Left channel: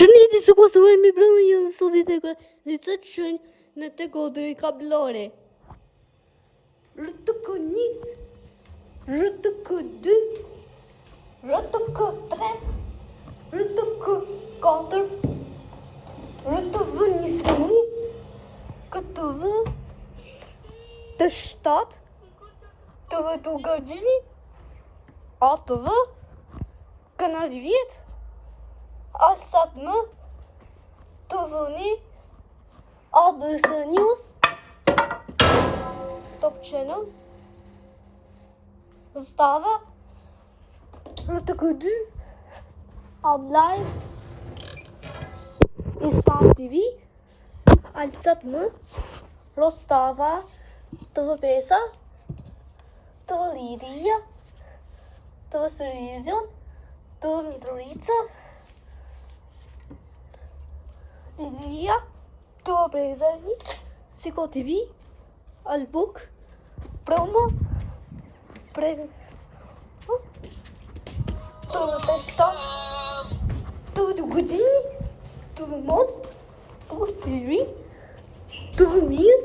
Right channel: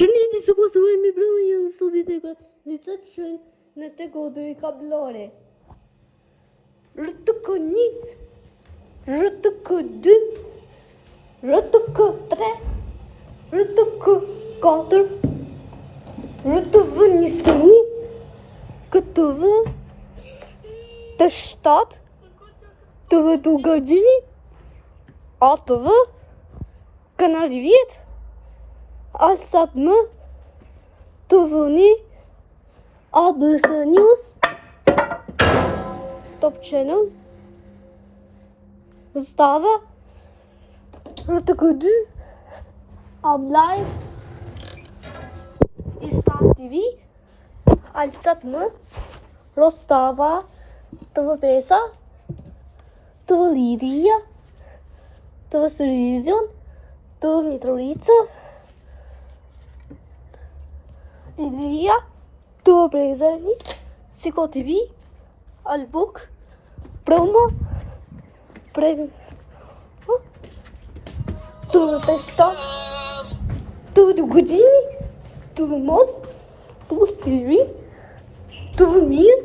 Përshëndetje, se konsumohen mi brëmë një në studit e këtë të shënjë në të kodri kablore. RTK1, RTK2, RTK3, RTK4, RTV21, KTV, T7, TV Dugagjini, ATV, Kanali Vjet, Alsat më, TV1, ABC News, Top Channel, Zastava, RTK2, Ablaj, Star TV, Alsat më, Rostava, TV5, TV Liria, TV Sërizion, TV Mitrovica, Ilia, TV Brezani, Siko TV, Albuk, Promo, TV Testa, TV Dugagjini, TV Mos, TV TV Mir,